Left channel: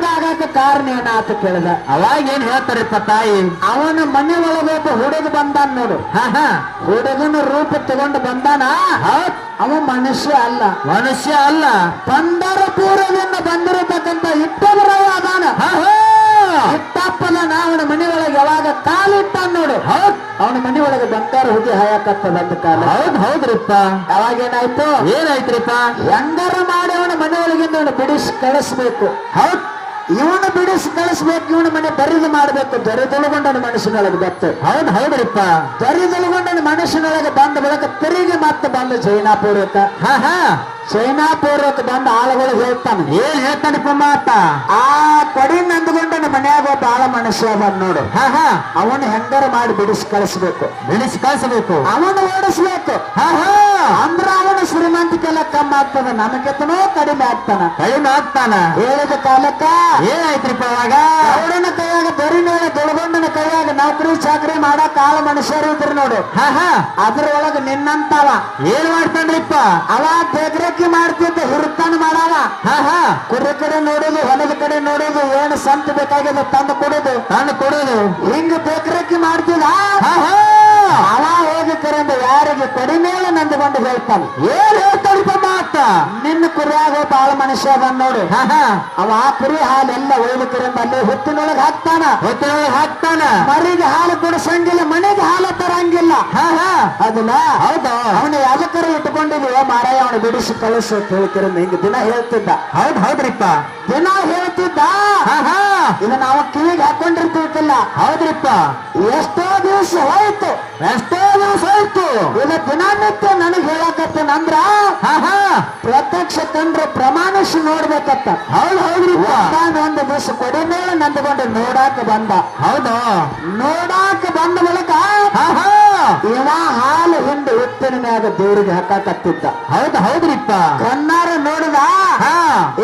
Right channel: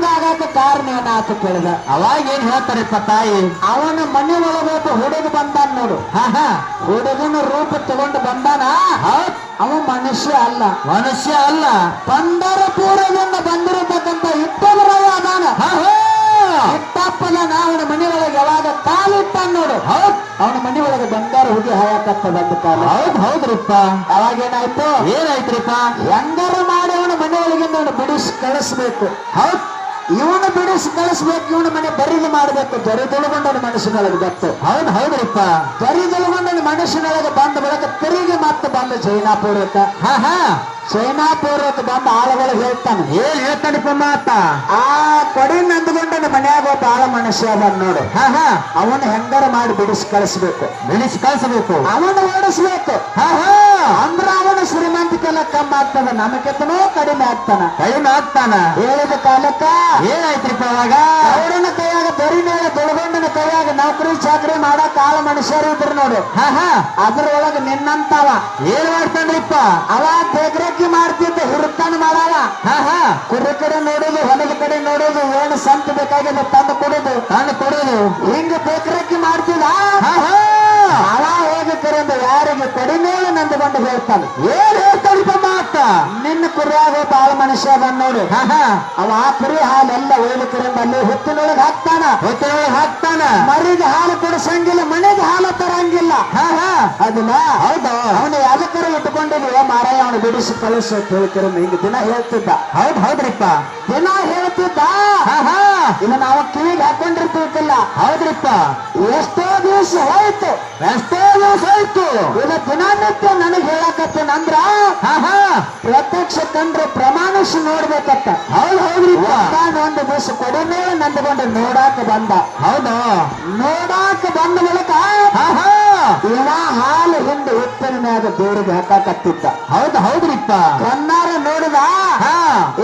ಹಿಂಗಾಗಕ ಕಾರಣ ಏನಾತ ಕೇಳಿದ. ಅವಾಗ ಏನ್ ಹೇಳ್ತಾರಪ್ಪ ತಾಯಿ? ಅವನ ಮನೆ ಒಳಗೋತ ಹುಡುಗ ಬಂದಾನ ನೋಡು. ಹುಡುಗನ ರೂಪ ತಗೊಂಡು ಬಂದಾನ. ಅವ ಮನುಷ್ಯ ಅಲ್ಲ, ಮನುಷ್ಯ ಅಲ್ಲ. ಪಂಢರಪುರದಿಂದ ಬಂದಿರತಕ್ಕಂತ ಇಟ್ಟವರವ ಅದಾನ. ಇಟ್ಟಪ್ಪನ ಅವನ ಮನೆ ಒಳಗೆ ಯಾವಾಗ ಕಾಲಿಟ್ಟ ನೋಡು, ಅವನ ಮನೆ ಒಳಗೆ ಬಂಗಾರ ಹೋಗಿ ಹಾಯಕತ್ತದ ಅಂದ ಕಾಲ. ಹೌದ್ರಿಪ್ಪ. ಅವಾಗ ಏನಾಯ್ತು? ಏನಾಯ್ತ್ರಿಪ್ಪ? ಹೆಂಗಾರ ಮಾಡಿ ಅವನ ಮನೆ ಒಳಗಿಂದ ಅವನು ಬಿಡಿಸಿ ಕಳಿಸ್ಬೇಕು. ಇವನು ಬಿಡಿಸಿ ಕಳಿಸ್ಬೇಕು, ಇವನ ಮನೆ ಬರಿದು ಮಾಡ್ಬೇಕು. ದೊರೆದೊಳಗೊಂಡನ ಮನಸ್ಸಿನೊಳಗೆ ಬತ್ತು. ಹೌದ್ರಿಪ್ಪ. ದೊರೆದೊಳಗೊಂಡನ ಮನಸ್ಸಿನೊಳಗೆ ಬಂದ ಬಳಿಕ ತಿರುಗಿ ಮತ್ತೆ ಬಂದು ಚೈನಾಪುರಕ್ಕ. ಚೈನಾಪುರಕ್ಕೆ ಬಂದ ಆಳುಗಳಿಗೆ ಹೇಳ್ತಾನೆ. ಏನ್ ಹೇಳ್ತಾನಪ್ಪ ಮಾತ? ಆ ಕಡಿ ನಂದುಗೊಂಡನ ಮನ್ಯಾಗ ಒಬ್ಬ ಆಳ ಮನುಷ್ಯ ಬಂದ್ ನೋಡು. ಅವನು ಹೆಂಗಾರ ಮಾಡಿ ಬಿಡಿಸಿ ಕಳಿಸ್ಬೇಕು. ಅವನು ಓಡಿಸ್ಬೇಕು. ಅಂದ್ರ ಅವನು ಶ್ರೀಮಂತಿಕೆಲ್ಲ ಕಮ್ಮಿ ಆಗ್ತದ, ನಮಗೆತನೋ ಕಡಿಮೆ ಆಗ್ತಾನ. ಹೇಳಿದ ಕಾಲಕ್ಕ ಏನಾಯ್ತ್ರಿಪ್ಪ ಅವಾಗ? ಅವರನ್ನ ಕೈಯಾಗ ಬರಿ ಮೇಲೆ ದೊಳಗೊಂಡನ ಕೈಯಾಗ ನೌಕರಿ ಚಾಕರಿ ಮಾಡಕ್ ಆಳ ಮನುಷ್ಯರು ಇದ್ರು ನೋಡು. ಅದ್ರೊಳಗೆ ನಿನ್ನಂತವ ಏನ್ ಮಾಡ್ತಾನ್ರಿಪ್ಪ? ಅವ ಬೇಗ್ರಕ್ಕಿ ಮಾಡ್ತಿದ್ದ, ಹುರುತ್ತಾನ ಮಾಡವ. ಕುರಿ ಕಡೆ ನೋಡೋದು, ಹೊಲದ ಕಡೆ ನೋಡೋದು, ಏನು ಸಂತ ಬೇಕಾಗಿದೆ ತಂದು ಕೊಡೋದು, ಹಿಂಗ ಬೇಗ್ರಕ್ಕಿ ಮಾಡ್ತಿದ್ದ. ಅವ ಹೋಗಿ ಕರೆದು ಯಾರಿಗೆ ಕಡಿಮೆ ನಂದುಕೊಂಡು ಹೇಳ್ತಾನೆ. ಏನ್ ಹೇಳ್ತಾನಪ್ಪ ಮಾತ? ನಿನ್ನ ಕುರಿಯಾಗ ಬಾಳ ಮನುಷ್ಯ ಬಂದ್ ನೋಡು. ಅವ ಆ ಕುರಿ ಹಾಲೆಲ್ಲ ಹೋಗಿ ಕರೆಂದು ಅಲ್ಲಿ ಹೊತ್ತಿನೊಳಗೆ ಹಾಕ್ತಾನ. ಮರಿಗೆ ಹಾಲು ಕೊಡಿಸಂಗಿಲ್ಲ, ಮನೆಗೆ ಹಾಲು ತರಂಗಿಲ್ಲ. ಅದಿಲ್ಲ. ಹೌದಾ? ಅವನು ಯಾವ್ದಕ್ಕರ ಇಟ್ಕೊಂಡಿದ್ವಿ ಮಾರಾಯ, ಅವನು ಬಿಡಿಸಿ ಕಳಿಸು ಅಂತ ಹೇಳ್ತಿರ. ಹಿಂಗ ದಿನ ಹೇಳ್ತಿದ್ದ. ಹೌದ್ರಿಪ್ಪ. ದಿನ ಹೇಳ್ತಿದ್ದ. ಇನ್ನು ನಾವು ಕಿವಿಗೆ ಹಾಕೊಂಡಿರ್ತಿಲ್ಲ. ಹೌದ್ರಿಪ್ಪ. ಎಷ್ಟೋ ದಿವಸ ಹೋಯ್ತು. ಇಲ್ಲ ದಿನನಿತ್ಯ ನನಗೆ ಹೇಳಕತ್ತೇನಂದ್ರ ಪ್ರತ್ಯಕ್ಷ ಕಂಡ್ರೆ ಪ್ರಮಾಣಿಸಿ ನೋಡ್ಬೇಕತ್ತ. ಹೌದ್ರಿಪ್ಪ. ಒಂದು ದಿವಸ ಕಡಿಮೆ ನಂದುಕೊಂಡು ನೋಡಾಕ ಬಂದ. ಹೌದಾ? ನೋಡಾಕ ಬಂದ ಮೂಲಕ ಇವ ಹಾಲು ಹಿಂದೆ ಉಪ್ಪಿನ ಮ್ಯಾಗ ದೇವರಿಗೆ ಹಾಕಾಕತ್ತಿದ್ದ. ಹೌದ್ರಿಪ್ಪ. ಕಣ್ಣಾರ ನೋಡಿದ.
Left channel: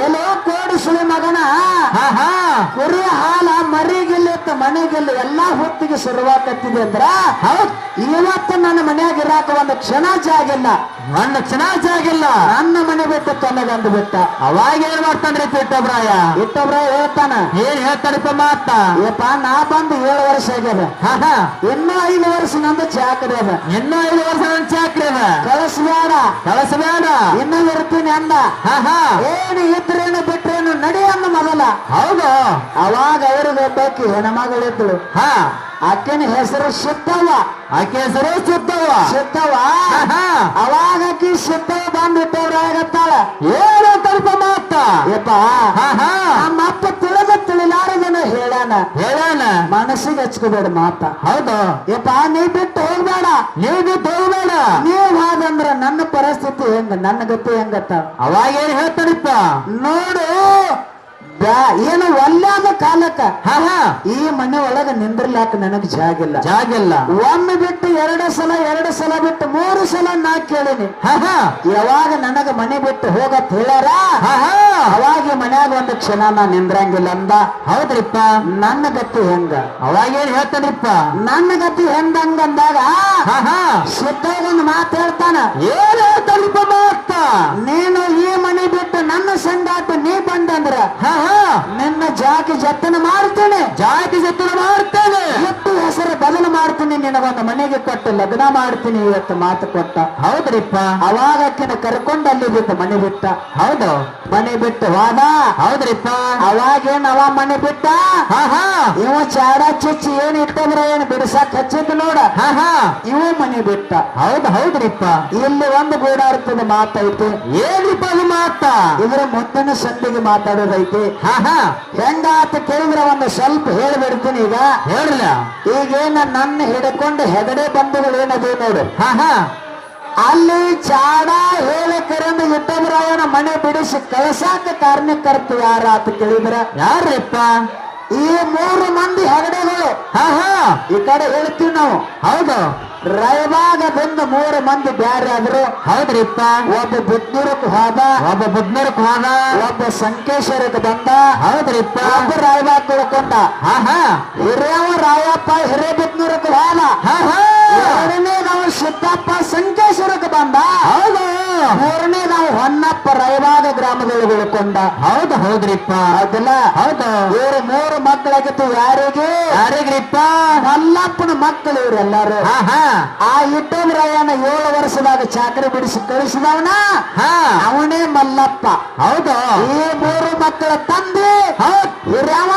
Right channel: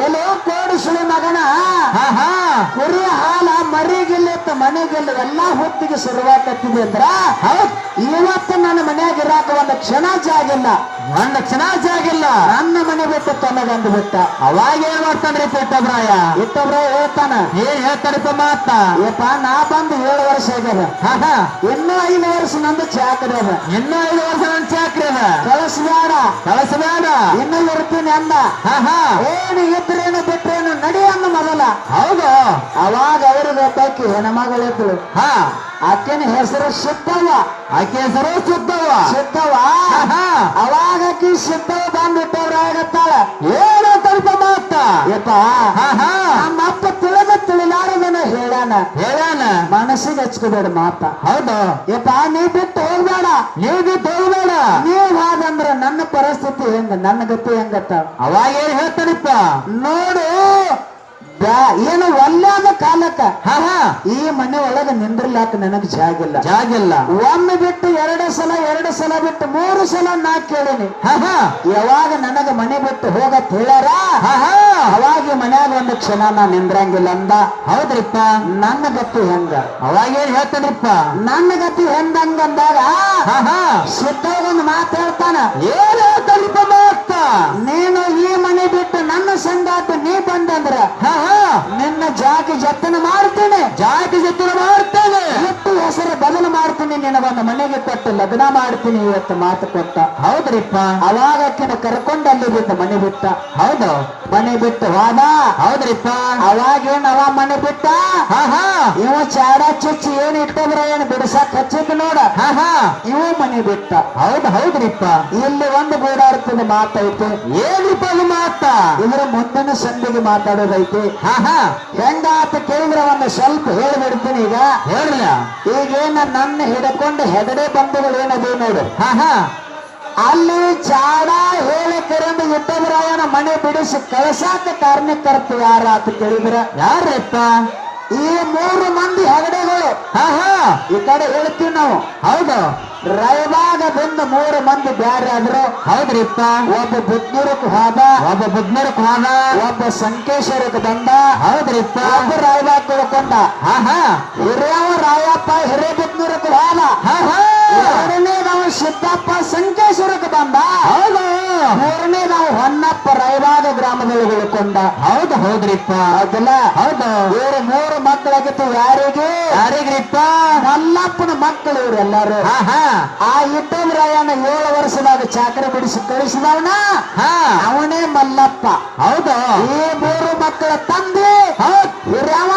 ಎಲ್ಲೋ ಕೋಡಿಸುವ ಮಗನ ಕುರಿಯ ಹಾಲ ಮರಿಗಿಲ್ಲ ಮನೆಗಿಲ್ಲ ಎಲ್ಲಾ ಹೊತ್ತಿಗೆ ಶುರುವಾಕತ್ತಿದೆ ಅಂದ್ರ ಇವತ್ತು ನನ್ನ ಮನೆಯಾಗ ಇರಾಕ ಒಂದು ಕ್ಷಣ ಜಾಗಿಲ್ಲ. ನನ್ನ ಮನೆ ಬಿಟ್ಟು ತನಗಂದು ಬಿಟ್ಟ. ಅವಾಗ ಏನ್ ಮಾಡ್ತಾನ್ರಿ ಇಟ್ಟಬ್ರಾಯ ಹೇಳ್ತಾನ. ಏನ್ ಹೇಳ್ತಾರಪ್ಪ ಮಾತ? ಯಪ್ಪ ನಾ ಬಂದು 7 ವರ್ಷ ಆಗ್ಯದ. ಇನ್ನೂ 5 ವರ್ಷ ನಂದು ಚಾಕರಿ ಅದ. ಇನ್ನೂ 5 ವರ್ಷ ನನ್ ಚಾಕ್ರಿ ಅದ. ಕಳಿಸ್ಬೇಡ ಇನ್ನೂ ಇರ್ತೀನಿ ಅಂದ. ಏನು ಇದ್ರೇನು ಬಿಟ್ರೇನು ನಡಿ ಅನ್ನ ಮೊದಲ. ಹೌದು. ಅವಾಗ ಅವ್ರಿಗೆ ಗೊತ್ತಾಕಿ ಹೆಣ್ಮಗಳಿದ್ರು. ಆಕೆನ ಹೆಸರು ಸಿದ್ದವ್ವ. ಅವಾಗಕಿ ಸಿದ್ದವ್ವ ಬಂದ್ಬಿಟ್ಟವ್ರಾಗತ್ತಾಳ. ಏನು ತಲ್ಪ ಮಾತ? ಯಪ್ಪ ನಮ್ಮಪ್ಪ ತಿಳಿಲಾರದನ ಹೇಳಾನ. ಮನಸ್ಸಿಗೆ ಹಚ್ಕೋಬೇಡ ಮಾತ. ಹೌದು. ಯಪ್ಪ ನೀ ಬಿಟ್ಟು ಹೋಗ್ಬೇಡ. ನೀವ್ ಹಾಗಂದ್ರ ನನ್ನ ಪರಿಸ್ಥಿತಿ ಹೆಂಗ, ನನ್ನ ಗತಿ ಹೆಂಗತ್ತ. ಅವಾಗ ಏನ್ ಹೇಳ್ತಾರಿಪ್ಪ? ನೋಡು, ಏನು ಒಲ್ಲಾದ ಕಾಲಕ್ಕ ಈ ಮನೆ ಒಳಗೆ ನಿಂದ್ರಲಾಕ ನನಗೆ ಜಾಗಿಲ್ಲ. ಒಮ್ಮೆ ಬಿಟ್ಟು 2 ಸಲ ಬಿಟ್ಟು 3 ಸಲ ನಾ ಕೇಳಿನಿ. ಯಾವಾಗ ನನಗ ಮನೆ ಬಿಟ್ಟು ಹೋಗತ್ ಹೇಳ್ಯಾರ ಅವಾಗ ಮನ್ಯಾಗ ಒಂದು ಕ್ಷಣ ನಾ ನಿಂದ್ರಂಗಿಲ್ಲ ಅಂದ. ಹೌದ್ರಿಪ್ಪ. ನನ್ನ ಗತಿ ಹೆಂಗ? ಅವಾಗ ಏನ್ ಹೇಳ್ತಾರಿಪ್ಪ? ನನ್ನ ಗತಿ ಹೆಂಗಂದಾಗ ಸಿದ್ಧಾಗೊಂದು ಮಾತು ಹೇಳ್ತಾನ. ಏನ್ ಹೇಳ್ತಾರಿಪ್ಪ ಮಾತ? ನೀನು ಈ ಮನೆ ಬಿಟ್ಟು ನನ್ನ ಸಂಗಾಟ ನೀ ಬಂದಂದ್ರ ನಿನ್ನ ಜಾತಿ ಜತನ ಮಾಡ್ತೇನೆ. ಎಷ್ಟು ಹೆಸರು ಬದಲು ಮಾಡ್ತೀನಿ, ನಿನಗೊಂದು ಮನೆಗೆ ಕೊಟ್ಟು ಲಗ್ನ ಮಾಡ್ತೀನಿ ಇವತ್ತು ಮಾತು ಕೊಟ್ಟ. ಹೌದ್ರಿಪ್ಪ. ಅವಾಗ ಆಕಿನ ಕರ್ಕೊಂಡು ಅಲ್ಲಿ ಬಿಟ್ಟು ಮನೆ ಬಿಟ್ಟ. ಹೌದು. ಮನೆ ಬಿಟ್ಟು ಹೋದ. ಹೌದ್ರಿಪ್ಪ. ಅವಾಗೇನ್ ಅವ ಮನೆ ಬಿಟ್ಟ. ಇವ ಚಾಡ ಚುಚ್ಚಿ ಏನ್ ಇಟ್ಟಂದ್ರ ಏನ್ ಬಿಡಿಸಕ್ ಹಚ್ಚಿದ್ ನೋಡ. ಇವ ಮನೆ ಬಿಟ್ಟ. ಹೌದ್ರಿಪ್ಪ. ಇಲ್ಲಿ ಒಂದು ಗೂಡಾಡ್ತದ ಮಾತೈತೆ. ಏನ್ರಿಪ್ಪ ಅದು ಮಾತ? ಇದ್ರ ಮುಂದಿನ ಸಂದಿಗೆ ಮಾತಾಡೋದೈತೆ. ಹೆಂಗಾತ ಕೇಳಿದ್ರೆ ಒಂದು ಸ್ವಲ್ಪ ಹೇಳ್ಬಿಡ್ತೀನಿ. ಈಗ ಹೇಳ. ಈಗೇನ ನನ್ನ ಹಿಡ್ಕೊಂಡು ಹೆಗಡೆ ಬಂಧುಗಳು ಏನದೇ ನೋಡು. ಅಲ್ಲಿ ಚಾಡ ಹೇಳಿ ಕರೆಂದು ಇಟ್ಟಬ್ರಾಯನ ಮನೆ ಬಿಡಿಸಿ ಕಳಸಾಕ ಕಾರಣಕರ್ತರು ಯಾರ ಅಂತ ಕೇಳಿದ್ರ ಯಾರಪ್ಪ? ಈ 3 ಮಂದಿ ಹೆಗಡೆಗಳು. ಈ ಕಡೆ ಹೇಳ್ತೀವಿ ನಾವು. ಹೌದು. ರಾಯಬಾಗದಿಂದ 3 ಮಂದಿ ಬ್ಯಾರೆ ಆದ್ರು. ಹೌದ್ರಿಪ್ಪ. ಒಬ್ಬ ಬುದ್ನೂರಕ್ಕೆ ಹೋದ. ಒಬ್ಬ ಸಂಕೇಶ್ವರಕ್ಕೆ ಬಂದ. ಹೌದ್ರಿಪ್ಪ. ಒಬ್ಬ ರಾಯಬಾಗ ತಿಳ್ಕೊಂಡ. ಹಿರಿಯವ ರಾಯಪ್ಪ ಹಿರೇಬುದ್ನೂರಕ್ಕೆ ಹೋದ. ಎರಡನೇ ನಾವು ಸಿದ್ದಪ್ಪ ಸಂಕೇಶ್ವರಕ್ಕೆ ಬಂದ. ಮೂರನೇ ನಾವು ಹೊನ್ನಪ್ಪ ರಾಯಬಾಗ ಗ್ರಾಮದಲ್ಲಿ ಬೆಳ್ಕೊಂಡ. ಹೌದ್ರಿಪ್ಪ. ಅದನ್ನ ಹೌದಲ್ಲ ಹೌದು ಇವ್ರು 3 ಮಕ್ಕಳಾಗಿತ್ತು ಯಾರಿಗೆ ಯಾರಿಗ್ರಿಪ್ಪ ಮಲ್ಲಪ್ಪನ ಮಕ್ಕಳು ಇವ್ರು ಎಲ್ಲಾರು ಹಾ ಹಾ ಆ ಇಟ್ಟಂದ್ರವನ 7 ವರ್ಷದಾಗ ಚಾಕರಿ ಬಿಡಿಸಿ ಕಳಿಸಿದವನ ಹಾ ಅವನೇ ಮಲ್ಲಪ್ಪ ಹೌದು ಈ 3 ಮಕ್ಕಳ ತಂದೆ ಹಿರಿಯವ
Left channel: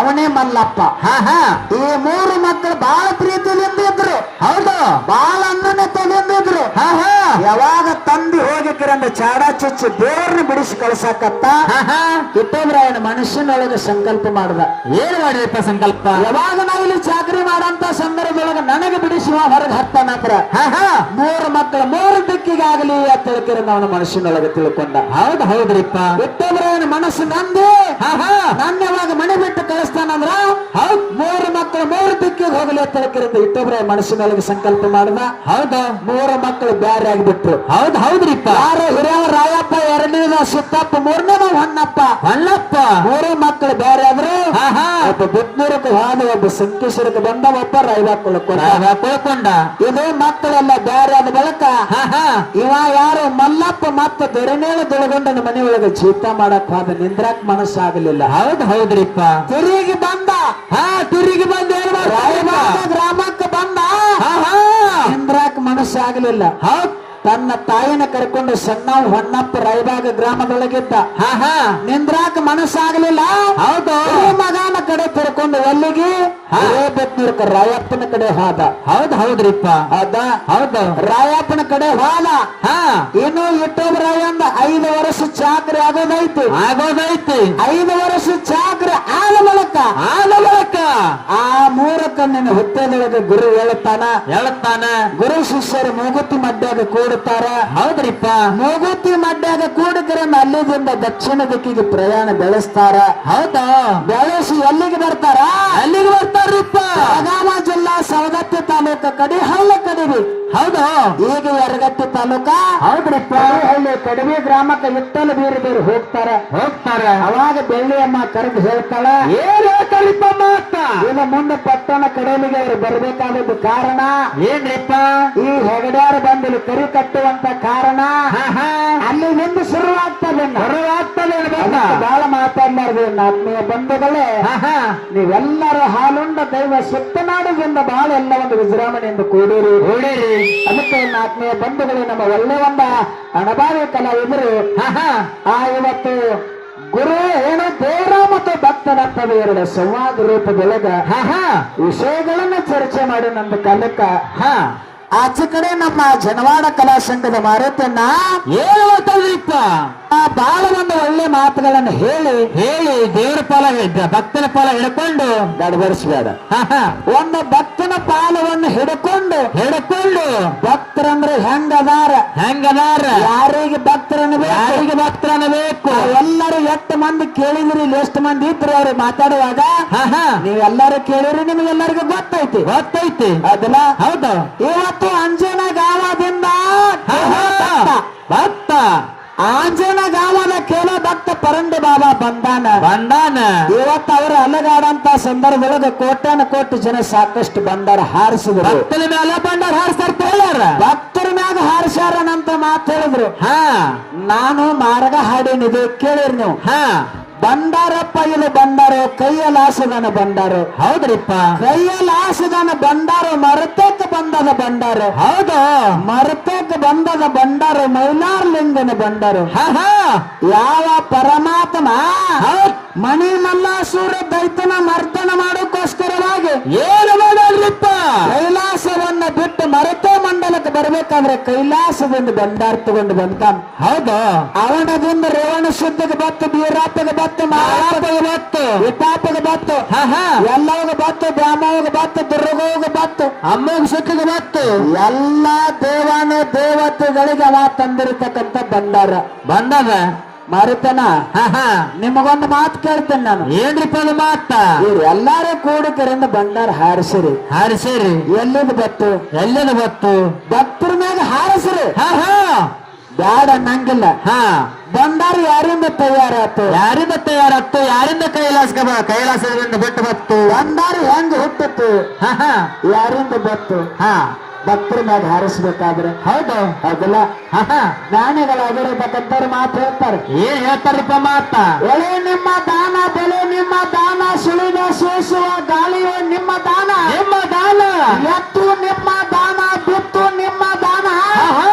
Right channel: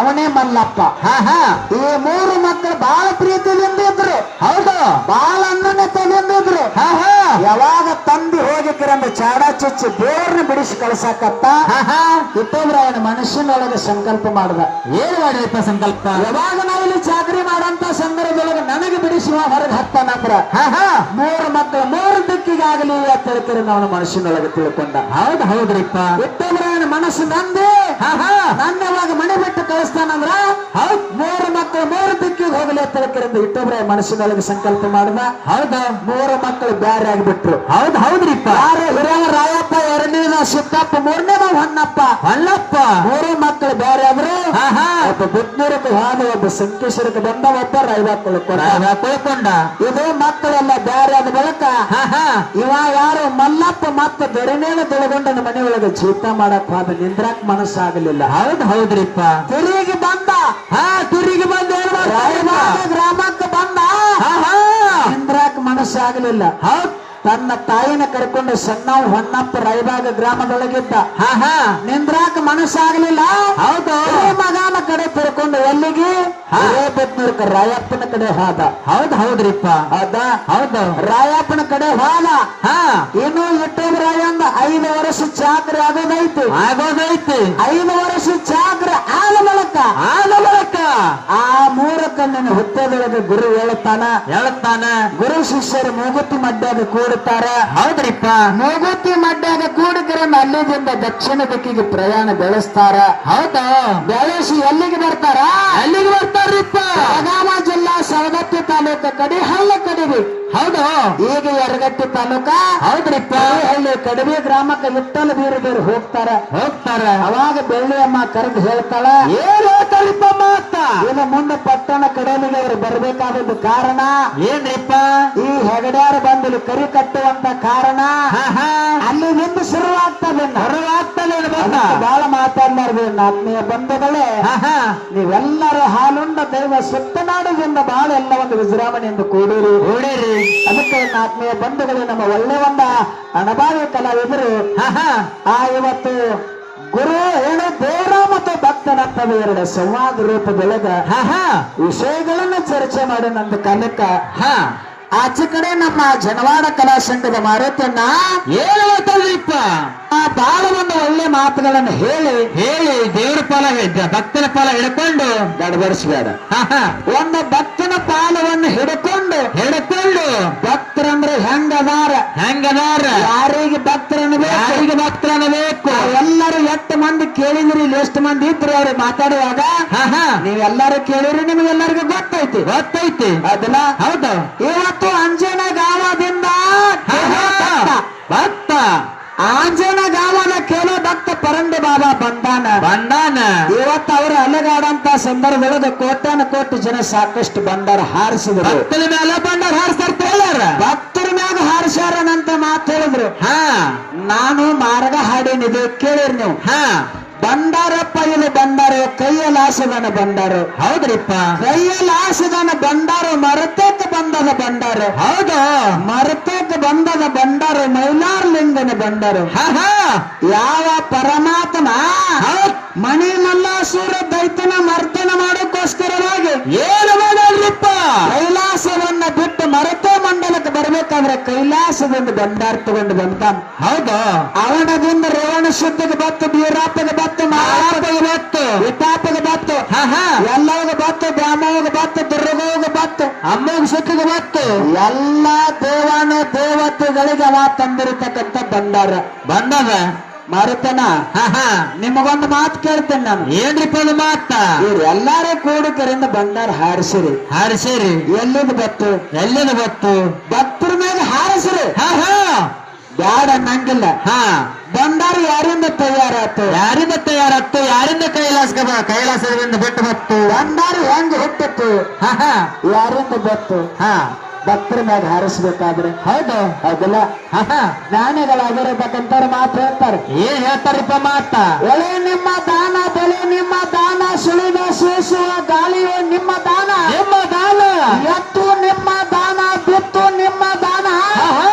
ಅವನೇ ಮಲ್ಲಪ್ಪ ಹಾ ಹಾ ಈ 3 ಮಕ್ಕಳು ಬಹಳ ಪ್ರೀತಿಯಿಂದ ಇದ್ರು ಹೌದು ಬಹಳ ಅನ್ನನೆತದಿಂದ ಇದ್ರು ಹಾ ಹಾ ಯಾವಾಗ ತಂದೆ ಹೋಗಿಕ್ಕಿರಂದ ಚಾಡ ಚುಚ್ಚಿ ದೇವ್ರನ್ನ ಬಿಡಿಸಿ ಕಳ್ಸಕತ್ತ ಹಾ ಹಾ ಇಟ್ಟಂದ್ರವನ ಮನುಷ್ಯನೊಳಗೆ ಸಂಕಲ್ಪ ಮಾಡ್ದ ಏನ್ ಮಾಡಿರಪ್ಪ ಸಂಕಲ್ಪ ಯಾವಾಗ ನಾವು ಇಲ್ಲಿ ಚಾಕರಿ ಮಾಡಂತ ಸಂದರ್ಭದೊಳಗೆ ನನಗೆ ಬಿಡಿಸುವ ಹೊರಗೆ ಹತ್ತಾನಂದ್ರ ಹಾ ಹಾ 3 ಮಕ್ಕಳು 3 ದಿಕ್ಕಿಗಾಗಲಿ ಅಂತ ತಿಳ್ಕಿರ ನಾವು ಮನುಷ್ಯನೊಳಗೆ ತಿಳ್ಕೊಂಡ ಹೌದು ಹೌದ್ರಿಪ್ಪ ಇಟ್ಟಂದ್ರವನ ಮನಸ್ಸು ನಂದೆ ಹಾ ಹಾ ನನ್ನ ಯಾವಾಗ ಮನೆ ಬಿಟ್ಟು ಕಳಿಸ್ತಾನಂದ್ರ ಹೌದ್ 3 ಮಕ್ಕಳು 3 ದಿಕ್ಕಿಗೆ ಹೋಗಲಿ ಅಂತ ತಿಳ್ಕಿರಿಂದ ಇಟ್ಟಂದ್ರ ಮನಸ್ಸಿನೊಳಗೆ ಸಂಕಲ್ಪ ಮಾಡ್ದ ಹೌದು 3 ಮಕ್ಕಳು ಬ್ಯಾರೆ ಆಗಿಬಿಟ್ರು ಹೌದು ಹೌದ್ರಿಪ್ಪ ಯಾರು ಹಿರಿಯವ ರಾಯಪ್ಪ 2ನೇದ ಸಿದ್ದಪ್ಪ 3ನೇದ ಹೊನ್ನಪ್ಪ ಹೊನ್ನಪ್ಪ 3 ಮಕ್ಕಳು ಬೇರೆ ಆದ್ರು ಹಾ ಹಾ ಒಬ್ಬ ಬಿದ್ನೂರಕ್ಕೆ ಹೋದ ಒಬ್ಬ ಸಂಕೇಶ್ವರಕ್ಕೆ ಬಂದ ಒಬ್ಬ ತಿಳ್ಕೊಂಡ ಇದು ಮಕ್ಕಳೆಲ್ಲ ಬೇರೆ ಆದ ಬಳಿಕ ಹಾ ಹಾ ಇವ ಯಾರು ಮಲ್ಲಪ್ಪ ಮತ್ತೆ ದೊರೆನೇಳ ದೊಳಗೊಂಡನ ಮನೆಯೊಳಗೆ ಜೀತ ಮಾಡಕ್ ಹೋದ ನಿಂದ್ರಾಕ್ ಮನಸ್ಸಾಗಲಿಲ್ಲ ಹೌದು ಹೌದ್ರಿಪ್ಪ ತಿರುಗಿ ಬಂದ ಹಾ ತುರಿಗೆ ಬಂದು ಏನ್ ಮಾಡ್ತಾರೆ? ರಾಯಬಾಗ ಗ್ರಾಮಕ್ಕೆ ಬಂದ ಹಾ ಹಾ ನಿಂದ್ರಾಕ್ ಮನಸ್ಸಾಗಲಿಲ್ಲ ಹೌದ್ ತನ್ನ ತಾಯಿನ ಕರ್ಕೊಂಡು ಸಣ್ಣವ್ ಹೊನ್ನಪ್ಪ ರಾಯಬಾಗ ಗ್ರಾಮದೊಳಗಿದ್ದ ಹಾ ಹಾ ನಿಂದ್ರಾಕ ಮನಸ್ಸಾಗಲಿಲ್ಲ ಹೌದು ಮಗನ ಕಡೆ ತಿರ್ಕೊಂಡು ಎಲ್ಲಿಗೆ ಹಿರೇಬೆತ್ನೂರ್ಕ ರಾಯಪ್ಪನ ಕಡೆ ಹೋದ ಹೌದು ಹೌದ್ರಿಪ್ಪ ಹೌದ ಹೌದು ರಾಯಪ್ಪನ ಕಡೆ ಹೋದ ಹಾ ಇನ್ನು ಇಟ್ಟೋಬ್ರಾಯಂದ 5 ವರ್ಷ ಚಾಕ್ರಿ ಆಗೋದೈತಿ ಆಗೋದೈತಿ 5 ವರ್ಷ ಚಾಕ್ರಿ ಆದ ಬಳಿಕ ಆ 3ಕ್ಕ ನನ್ನ ಹುತ್ತದೊಳಗೆ ಗುರು ಹೇಳ್ತಾನ ಗುರು ಶಿಷ್ಯರು ಮೂಗುತಿ ಮಡ್ಯಾಗ ಕೂಡುತ್ತಾರ ಹೌದ್ರಿಪ್ಪ ಮೂಗುತಿ ಮಡ್ಯಾಗ ಕೂಡಿದ್ರನ್ನ ಅಲ್ಲಿದಿಂದ ದಕ್ಷಿಣ ದಿಕ್ಕಿಗೆ ಪ್ರಯಾಣ ಬೆಳೆಸ್ತಾರ ಹೌದಾ ಬೆಳೆಸಿ ಎಲ್ಲಿಗೆ ಬರ್ತಾರ ಅಲ್ಲಿಗೆ ಬರ್ತಾರ್ರಿಪ್ಪ ಬೆಳಗಾವ ಜಿಲ್ಲಾ ಸವದತ್ತಿ ತಾಲೂಕ ಕಡಿಹಳ್ಳಿ ಕಡಿವಿ ಹೌದಾ ಈಗ ಯರಗಟ್ಟಿ ತಾಲೂಕ ಹೌದ್ರಿಪ್ಪ ಕಡಿಹಳ್ಳಿ ಕಡಿವಿ ಗ್ರಾಮಕ್ಕೆ ವಿಠ್ಠಲ ಬೇರೆ ಹೋಗ್ತಾರ ಅವಾಗ ಬೆಳ್ಳಿಯಮ್ಮ ಕರೆದು ಹೇಳ್ತಾಳ ಏನ್ ಹೇಳ್ತಾರಿಪ್ಪ ಮಾತ ಇನ್ನು ಮುಂದೆ ಪಟ್ಟಣ ಕಡೆಯಲ್ಲಿಗೆ ಅವರು ಬರ್ಬೇಕಾದದ್ದು ಕಾರಣ ಏನ್ರಿಪ್ಪ ಈ ಹೆಗಡ್ಯಾರ ಬಂದಲ್ಲಿ ಕರಿ ಕಟ್ಟುವಂತ ಕಾರಣ ಹಾ ಹಾ ಅಲ್ಲಿ ನಿಂದು ಶುರುವಾಗ್ತದೆ ಬಹಳ ಮಾತಾಡ್ಲಾರ್ದು ಆತ್ಮೀಯ ಬಂಧುಗಳೇ ಹಾ ಹಾ ನೀವೆಲ್ಲರೂ ಹಾಲುಂಡ ದೈವ ಸುತ್ತನಾಡುವುದರಿಂದ ಬಹಳ ಎಲ್ಲ ಒಂದು ವಿಜೃಂಭಣೆಯಿಂದ ಕೂಡಿರಿ ಅದಕ್ಕೆ ನನ್ನ ಆತ್ಮೀಯ ಬಂಧುಗಳು ನಮ್ಮ ಒಳ್ಳೆ ಒಂದ ಅಣಬಾವಿ ಕಲಾವಿದರು ಹಾ ಹಾ ಆ ಇವತ್ತು ಗುರು ಏನು ದೇವರ ಮತ್ತು ಭಕ್ತನಂತದ 2 ಸಂವಾದ ರೂಪದೊಳಗ ಹಾ ಹಾ ವಿಷಯಗಳನ್ನ ಚರ್ಚೆ ಮಾಡಿ ನಮ್ದು ಕಾಲಕ್ಕ ಹಾ ಆಚೆ ಕಡೆ ನಮ್ಮ ಜನವಾಡ ಕಲಾ ಸಂಘದ ಮಾರುತಿಯನ್ನ ಏನ್ ಹೇಳ್ತಾರ್ರಿಪ್ಪ ಬಹಳ ಒಂದು ಒಳ್ಳೆ ಮಾತುಗಳನ್ನು ಹೇಳಿ ದೇವ್ರ ಪಾಲ ಭಕ್ತನ ಪಾಲ ಹಿಡ್ಕೊಂಡು ಗಡಬಡಿಸಬೇಡ ಹಾ ಹಾ ಒಂದು ಭಕ್ತನ ಪಾಲವನ್ನು ಹಿಡ್ಕೊಂಡು ಭಕ್ತರಂದ್ರೆ ಹೆಂಗದಾರ ಯಾರಿಗೆ ಯಾರಿಗೆ ಭಕ್ತರನ್ನ ಬೇಕು ಎಲ್ಲರೂ 8 ಮಂದಿ ಕೇಳಿದ್ರಿ ಇಲ್ಲಿ ಎಷ್ಟು ಮಂದಿ ಇದ್ರು ಅವ್ರು ಮಾತಾಡುವಾಗ ಹಾ ಹಾ ನೀವೆಲ್ಲರೂ ಕೇಳಿರಿ ನಿಮ್ಗೆಲ್ಲರಿಗೂ ಗೊತ್ತೈತಿ ಅದಲ್ಲ ಹೌದು ಇವತ್ತು ಅಂಜನ ಗಾವದಿಂದ ಭಕ್ತ ಆಂಜನ ಗಾವದ ಕೇಳೋ ಭಕ್ತ ಪರಂಡಿ ಬಾಬಾ ಬಂದಾನ ಇವತ್ತು ಅವರು ಅಲೆಗಾಡಂತ ಸಂದರ್ಭದೊಳಗೆ ಕೋಟಿ ಜನ ಸಾಕಷ್ಟು ಬಂಡಾರ ಹಾರಿಸಿದ್ರು ಭಕ್ತರ ಮೇಲೆ ಬಂಡಾರ ಹಾರಿಸ್ತಾರ ಭಕ್ತರ ಮ್ಯಾಗ ಹಾರಿಸ್ಯಾರನಂತ ಮಾತು ಹೇಳಿದ್ರು ಹಾ ನಾನು ಮಾರ್ಗ ಹಾಡೇನಿದೆ ಕೇಳಿರಿ ನೀವು ಹಾ ಬಂಡಾರಪ್ಪ ಇಲ್ಲಿ ಬಂಡಾರ ಕೈಯಲಾಸದನ ಬಂಡಾರ ಹೌದ್ರಿಪ್ಪ ಕೈಯಲಾಸದನ ಬಂಡಾರ ಮರತಕ್ಕೆ ಬಂದದ ಬಂಡಾರ ಹೌದಾ ಮರತಕ್ಕೆ ಬಂದದ ಬಂಡಾರ ಮೈಲಾರ್ಲಿಂಗನ ಬಂಡಾರ ಹಾ ಹಾ ಯಾವ ಪರಮಾತ್ಮ ಮಣಿಲೆಲ್ಲ ಸೂರ ದೈತ್ಯನ ಮರ್ದನ ಮಾಡೋಕ್ಕೋಸ್ಕರವಾಗಿ ಏನು ಮಾಡಲ್ರಿಪ್ಪ ಕೈಲಾಸವನ್ನ ಬಿಟ್ಟು ಮರತೆ ಮಂಡಲಕ್ಕೆ ಬರ್ಬೇಕಾದ್ರೆ ಕೈಲಾಸದಿಂದ ಬಂಡಾರ ತಗೊಂಡು ಬಂತಾನ ಹೌದಾ ಅವನದಿಂದ ರೇವಣ ಶುದ್ಧಗೆ ಬತ್ತು ಬೀರಾಪಗೆ ಬತ್ತು ಮಾಪಗೆ ಬತ್ತು ವಿಪಾಪಗೆ ಬತ್ತು ಹಾ ಹಾ ಎಲ್ಲವಾಗ ಬತ್ತು ದ್ಯಾಮೋಗ ಬತ್ತು ದುರ್ಗೋಗ ಬತ್ತು ಅಮ್ಮಗ ಸುಖಗೆ ಬತ್ತು ಎಲ್ಲ ದೇವಾನು ದೇವತೆಗಳಿಗೆ ಅವ ತಂದಿರತಕ್ಕಂತ ಬಂದದ ಮರುತನ ಹಾ ಹಾ ನಿಮಗೊಂದು ಮಾತು ಕೇಳ್ತೇನೆ ನಾನು ಏನ್ರಿಪ್ಪ ಅದು ಮಾತ ಇವ್ರು ಎಲ್ಲಾರು ಕೂಡಿಕರಿಂದ ಬಂಡಾರ ಹಾರಿಸಿರಿ ಎಲ್ಲಿಂದ ಬತ್ತು ಭಕ್ತರ ಮ್ಯಾಗ ಹಾರಿಸಿರಿ ಹಾ ಹಾ ಬ್ಯಾಡ ಅನ್ನಂಗಿಲ್ಲ ಹಾ ಬಂಡಾರ ಯಾರಿಂದ ತಯಾರಾತು ಯಾರಿಂದ ಕೈಲಾಸದಿಂದ ಬಿಟ್ಟು ಬತ್ತು ಬಂಡಾರ ಹೆಂಗ್ ಹುಟ್ಟಿತ್ತು ಹಾ ಹಾ ಯಾರಿಂದ ಬತ್ತು ಹಾ ಭಕ್ತರ ಮ್ಯಾಗ ಹಾರಿಸ್ಬೇಕಾದ್ರೆ ಹೌದು ಹೌದಲ್ಲ ಆಹಾ ಜ್ಞಾನಿಗಳಾಗಿರತಕ್ಕಂಥವ್ರು ಮಾತು ಹೇಳ್ತಾರೆ. ಏನ್ ಹೇಳ್ತಾರಪ್ಪ ಮಾತ ಎಳೆ ನಿಮ್ಮ ದಾನ ಬೆಳೆ ನಿಮ್ಮ ದಾನ ಸುಳಿದ ಸೋಸುವ ಗಾಳಿಯ ನಿಮ್ಮ ದಾನ ನಿಮ್ಮ ದಾನ ಎತ್ತು ನಿಮ್ಮ ದಾನ ಬಿತ್ತು ನಿಮ್ಮ ದಾನ ಆಹಾ